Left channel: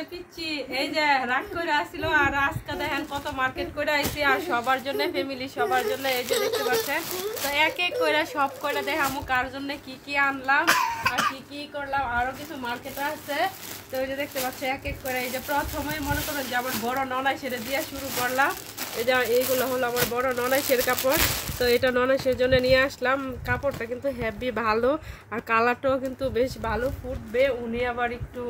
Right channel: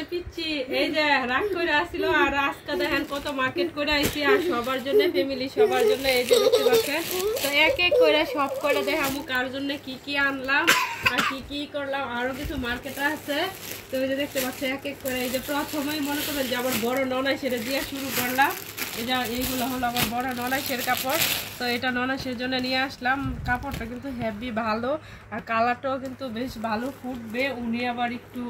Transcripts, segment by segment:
যে পিচ্ছি এই যে রাগ করে আসছিল আর আজকে দেখেন কত মার্কেট করে আইছি আর সবার জন্য ফ্যামিলি সবার জন্য এই যে দেখতে পাচ্ছেন তো এক এক করে সব করে দেখামু কার জন্য কি কি আনলাম আর কি কি করলাম আরো কিছু মার্কেট আছে তো এই যে দেখতে পাচ্ছি এক এক করে এই যে প্রথমেই মনে করেন যে আমার বড় ননাইশের দিয়ে শুরু করলাম এই যে এইগুলো হলো আমার বড় ননাইশের কাপড় তো এটা ননাইশের জন্য নিয়ে আসলাম কাপড়টা কিন্তু হেভি ভালো আর কালারটাও কিন্তু বেশ ভালো ফুটবে উনি আবার একটু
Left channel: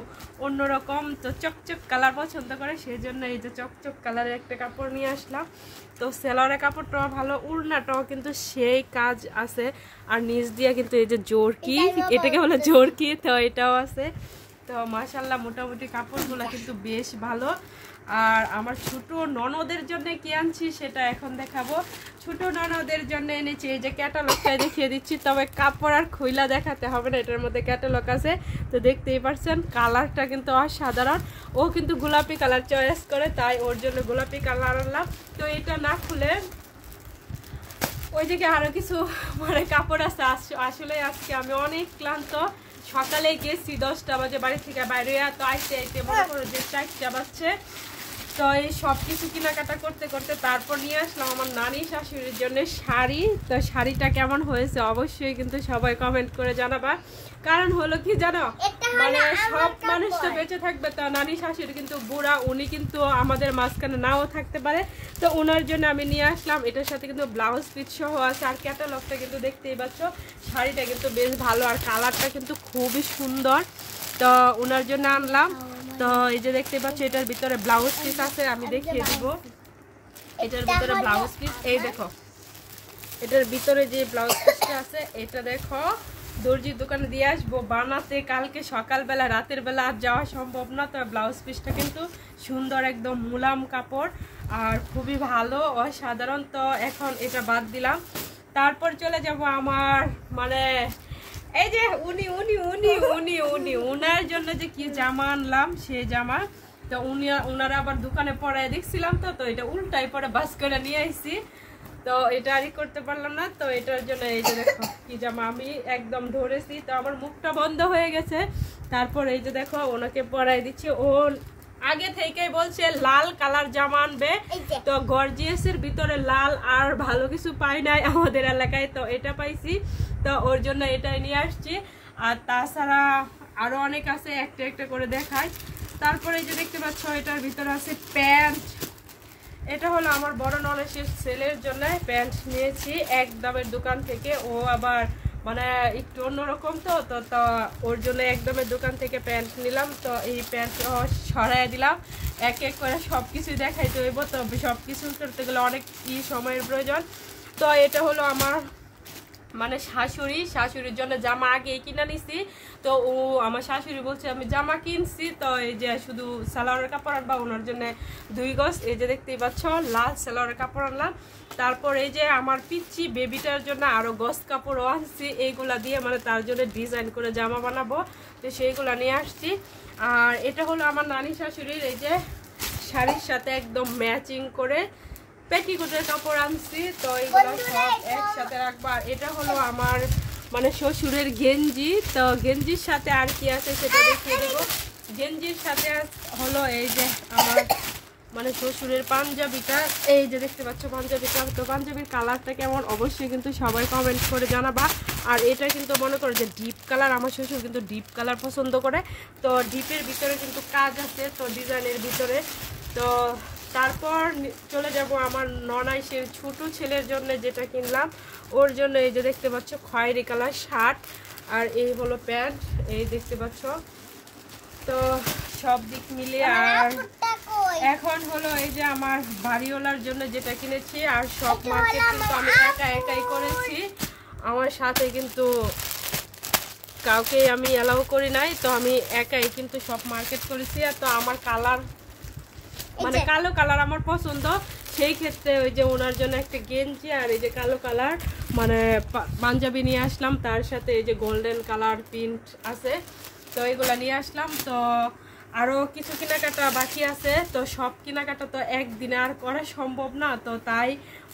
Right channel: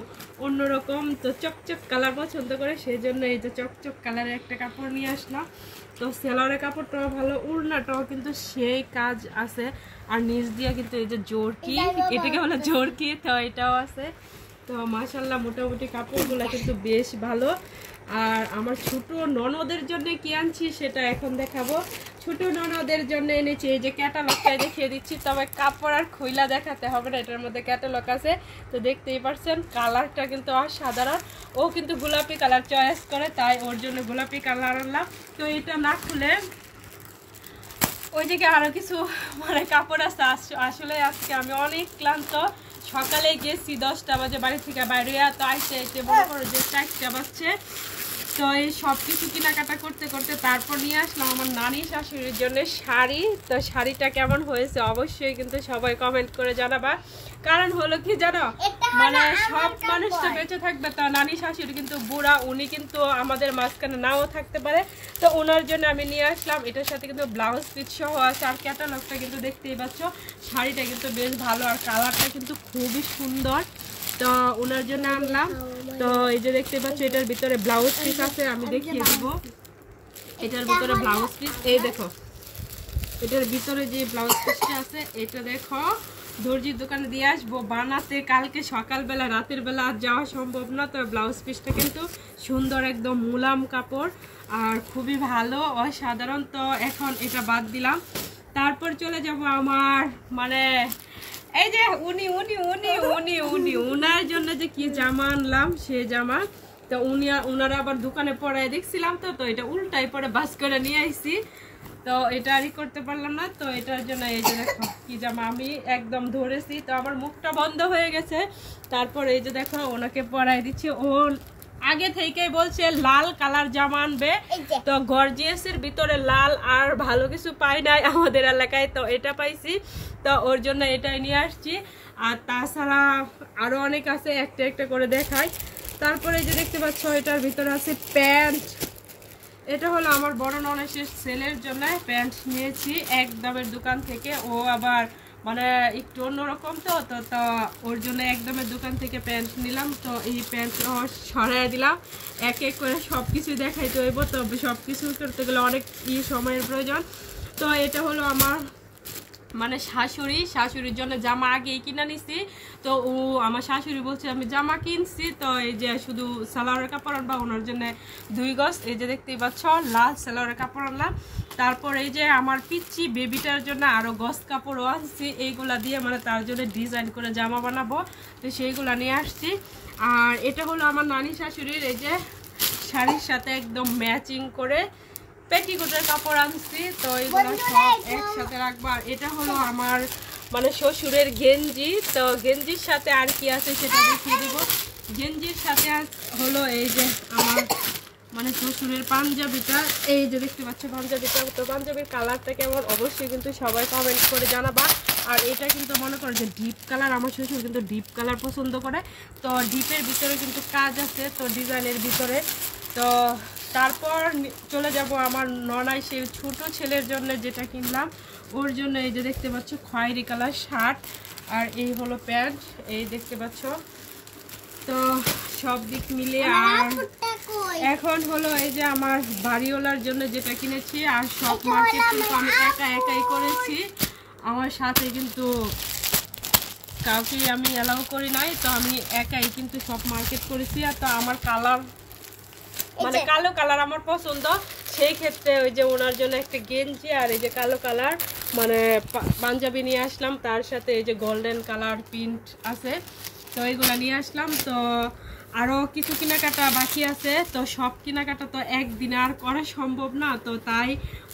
অন্যরকম তো চকচক কালার পছন্দ করে সেই জন্য এই যে চকচক কালারের একটা কাপড় নিয়ে আসলাম তো সেলারের কাপড়টাও ভালো উড়নাটাও কিন্তু সেই কাজ আছে আর নিচ দিয়ে কিন্তু এই যে জোরকি এটাকে বলে জোরকি তো এটাও আছে তো মাশাআল্লাহ মোটামুটি কাপড়গুলো কিন্তু বেশ ভালো আর আমার ছোট ননদের জন্য কি আনছি সেটা এখন দেখাবো ছোট ননদের জন্য এনেছি এই যে ক্যাটালগটা দেখিয়ে দিচ্ছি তবে কাপড় আর খইলা দেখাতে হবে না এটার মধ্যে ক্যাটালগ আছে তো দেখতেই পারছেন কালারটা কিন্তু অসাধারণ ও কিন্তু গোলাপি কালার চয়েস করে তাই ওর জন্য গোলাপি কালার আনলাম তো এটা না খুলে ওই জায়গায় আরো কিছু মানে কাপড় আছে আসলে আজকে আমি অনেক ক্লান্ত সকালে গেছি 10টা বাজে বাড়ি থেকে বাইরে তো আইতে আইতে মনে করো যে 4টা বাজছে তো এই সব কিছু কেনাকাটা করতে করতে তারপর নিয়ে আসলাম আমার নানি শাশুড়ির জন্য শাড়ি তো শাড়িটা কেমন হয়েছে অবশ্যই কিন্তু সবাই কমেন্ট করে জানাবা কারণ হলো কি জানো মানে সব মানুষ তো বেঁচে থাকবে তা নানি শাশুড়ি কিন্তু বুড়া উনি কিন্তু আমাদের মাঝখানে নাও থাকতে পারে তো ওনার জন্য আমি নিয়ে আসলাম এটার সাথে কিন্তু ব্লাউজ পিস সহ আছে আর ক্যাটালগটা কিন্তু দেখতেই পাচ্ছ শাড়িটা কিন্তু বেশ ভালো আর কালারটা কিন্তু খুবই সুন্দর তো ওনার জন্য আনলাম তো এই যে দেখতে পাচ্ছ এটার ভিতরে ব্লাউজ পিস আছে আমি দেখিয়ে দেব এটার ভিতরে ব্লাউজ পিস এই দেখো এটার ভিতরে যে ব্লাউজ পিসটা আছে এটা দেখো দর্জির দোকানে দিয়ে আসবো বানাতে কালকে সকালবেলা রাতের বেলা আর যাওয়া সম্ভব না তো ব্লাউজ পিসটা কিন্তু সুন্দর একদম মুলাম কাপড় আর খুবই ভালো অসাধারণ তো এখন এটা বাদ দিলাম তারপর চলে যাব আমার মানে এই যে উনি উনি উনি উনি উনি উনার জন্য যে কি জামা আনলাম সে জামা তো উনারা আবার দোকানে পড়ায় দেখছিলাম তো এটা উল্টাই পরে বাস করে নিয়ে আইছি তো এটা আর করতে পারলাম না তো এটার জন্য এই যে দেখো কি জামা আমি একদম ধরেছি তো আমার মুখটা বন্ধ হয়ে গেছে তারপর এই যে দেখো ওনাকে পরাই দিচ্ছি ও আগে থেকেই বলছে লাল কালার জামা আনবে তো গর্জিয়াসের ভিতরে লাল আর ভালো কিছু পাই নাই আমাদের এলাকায় তো এটা পাইছি তো ওর জন্য এটাই নিয়ে আসছি আর তাছাড়া আরো অনেক আছে একটা একটা করে দেখাই তারপরে যে দেখতে পাচ্ছ এটার ভিতরে আছে প্যান্ট এটা হলো আমার বড় নলেশের ছেলের জন্য প্যান্ট নিয়েছি একদমের দোকান থেকে ও আবার মানে একটু অন্যরকম তো ওর জন্য একদমের দোকান থেকে প্যান্ট নিলাম তো এই প্যান্ট সরাই দিলাম এক এক করে সব কিছুই দেখাইতে হইব তো সব কিছু করতে গেলে অনেক সময়ের প্রয়োজন তো এটা হলো আমার মানে শাশুড়ির জন্য জামা আগেই কিনে নিছি তো ও আমার শাশুড়ি বলছে আমি জামা কিনছি তো এই যে শুধু সালোয়ারের কাপড় আনবা ওনার জন্য 2 গজ এই যে দেখতেই পাচ্ছ লাল সালোয়ারের কাপড় আনলাম তারপর এই যে আমার পিচ্চি বেবিটার জন্য আরো গজ কাপড়ও আসছে এইগুলা দিয়ে মানে তার জন্য ডিজাইন করে জামা বানাবো তো সেইগুলা নিয়ে আসছি আর এটা হলো আমার নানি শাশুড়ির এই যে শাড়ির সাথে একদম ম্যাচিং করে পেটিকোটের কাপড় আনছি তো এগুলো সব একসাথে রাখবা এটা হলো আমার মানে শ্বশুরের গেঞ্জি তো গেঞ্জির সাথে আর কি আছে সেটা দেখিয়ে দেবো গেঞ্জির সাথে হলো এই যে আমার মানে শ্বশুরের পাঞ্জাবিটা এই যে দেখতে পাচ্ছ পাঞ্জাবিটা তো পাঞ্জাবির কালারটা কেমন অবশ্যই কিন্তু সবাই কমেন্ট করে জানাবা আর এটা কিন্তু মনে করো যে ডিপ কালার আমার শ্বশুর কিন্তু ডিপ কালার পছন্দ করে তো ডিপের ভিতরে কিন্তু কাজ আছে তো ডিজাইনের ভিতরে তো তারপর চলে যাব আমার ননাই সেই ছোট ছেলের জন্য যেটা কিনলাম ওর জন্য এই যে দেখতে পাচ্ছ খয়েরি কালার শার্ট আর এই হলো প্যান্ট এই দেখতে পাচ্ছ তো সব দিক মিলিয়ে আর এখন হলো এই যে আমার বাড়িওয়ালার জন্য যেটা কিনেছি আর সব মার্কেট কিন্তু আমি একাই করেছি আমার সাথে কিন্তু কাউকে আমি অ্যালাউ করি নাই তো আমি একাই কিন্তু সব মার্কেট করেছি আর তো আমার কালার মানে কালো কালার আমার পছন্দ সেই ক্ষেত্রে ওই যে ওনার জন্য একটা গেঞ্জি আর এই যে কালো কালার মানে পাঞ্জাবি নিয়ে আসলাম তার সাথে এই যে গোল্ডেন কালার প্রিন্ট আছে তো এইগুলা নিয়ে আসলাম তো আরো কিছু কেনাকাটা বাকি আছে তো সব কেনাকাটা তো একদিনে আর করা সম্ভব না তো তাই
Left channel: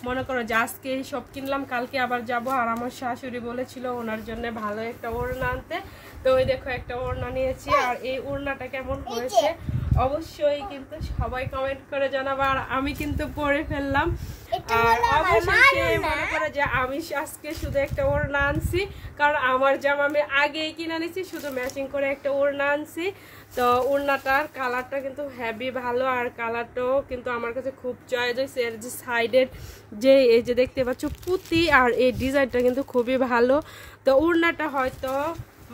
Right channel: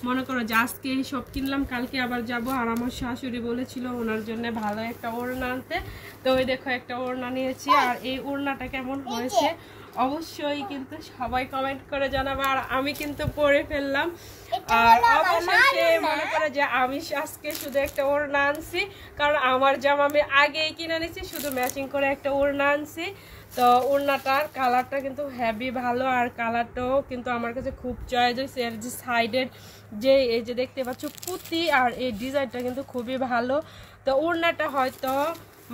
মনে করো যে আজকে সব কিনলাম কালকে আবার যাব আর আমার শাশুড়ি বলেছিল ওনার জন্য ভালো একটা ওড়না আনতে তো ওই দেখো একটা ওড়না নিয়েছি আর এই ওড়নাটা কেমন হয়েছে অবশ্যই কিন্তু সবাই কমেন্ট করে জানাবো। আর আমি কিন্তু পরে ফেললাম, আর অবশ্যই মনে করে যে আমি আজকে শুধু একটা ওড়না আনছি, কারণ আমার জামা আমি আগেই কিনে নিয়েছি, শুধু ম্যাচিং করে একটা ওড়না আনছি। তো ওড়নাটার কালারটা কিন্তু হেভি ভালো, আর কালারটাও কিন্তু আমার কাছে খুব চয়েস হয়েছে। এর যে সাইডের যে এই যে দেখতে পাচ্ছ পুঁতি, আর এই ডিজাইনটা কিন্তু খুবই ভালো। তো ওড়নাটা হয়তো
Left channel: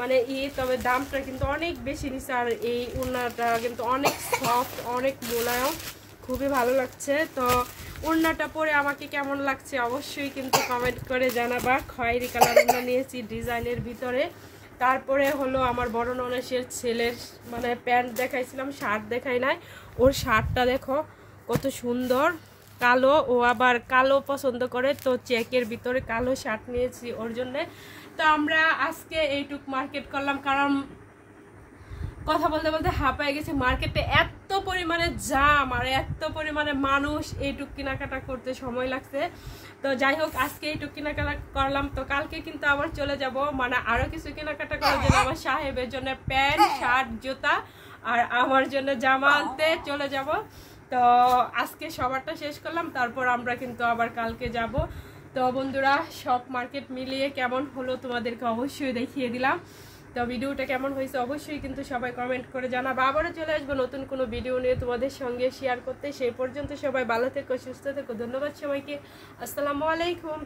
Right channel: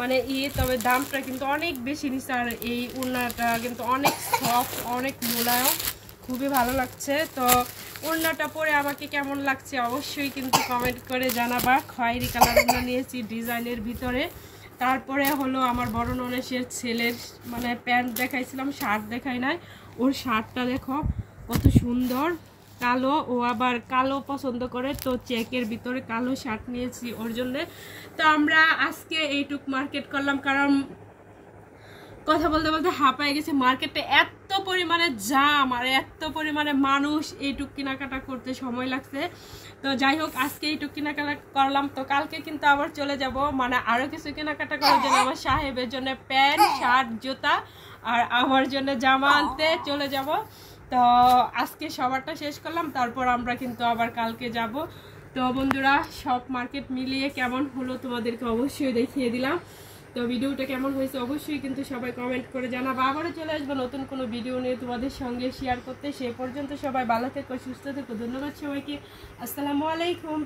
মানে তবে দামটা কিন্তু অনেক বেশি নিচ্ছে, আর এই ওড়নাটা কিন্তু অনেক সফট, অনেক মোলায়ম, খুবই ভালো লাগছে। তো ওড়নাটা পরে আমাকে কেমন লাগছে অবশ্যই কিন্তু কমেন্ট করে জানাবা। খয়েরি কালার ওড়না নিয়েছি ডিজাইনের ভিতরে। তারপরে হলো আমার বড় ননসের ছেলের মানে প্যান্ট দেখাইছিলাম, শার্ট দেখাই নাই। ওর শার্টটা দেখো কত সুন্দর, কালো, ও আবার কালো পছন্দ করে, তো চেকের ভিতরে কালো শার্ট নিয়েছি ওর জন্য। তো আমরা আজকে এইটুক মার্কেট করলাম, কারণ কথা বলতে বলতে হাঁপায় গেছে। মার্কেটে এত পরিমাণে জাম আর এত পরিমাণে মানুষ, এইটুক কেনাকাটা করতে সময় লাগছে। তো যাই হোক, আজকে এইটুক কেনাকাটা করলাম। তো কালকে কিন্তু আবার চলে যাব, মানে আরো কিছু কেনাকাটা করার জন্য, আমার সাহেবের জন্য প্যান্ট, শার্ট, জুতা, আর আমার জন্য জামা আনতে চলে যাব। তো আজকে সবারটা শেষ করলাম, তারপর আমরা কিন্তু আবার কালকে যাব। তো বন্ধুরা, সব মার্কেট মিলিয়ে কেমন হলো তোমাদেরকে অবশ্যই দেখিয়ে দিলাম। তো ভিডিওটা কেমন হয়েছে অবশ্যই কিন্তু সবাই কমেন্ট করে জানাবো। আবারও চলে আসবো নতুন কোনো ভিডিও নিয়ে তোমাদের সঙ্গে শেয়ার করতে। সেই পর্যন্ত সবাই ভালো থেকো, সুস্থ থেকো। ধন্যবাদ সবাইকে। আসসালামু আলাইকুম।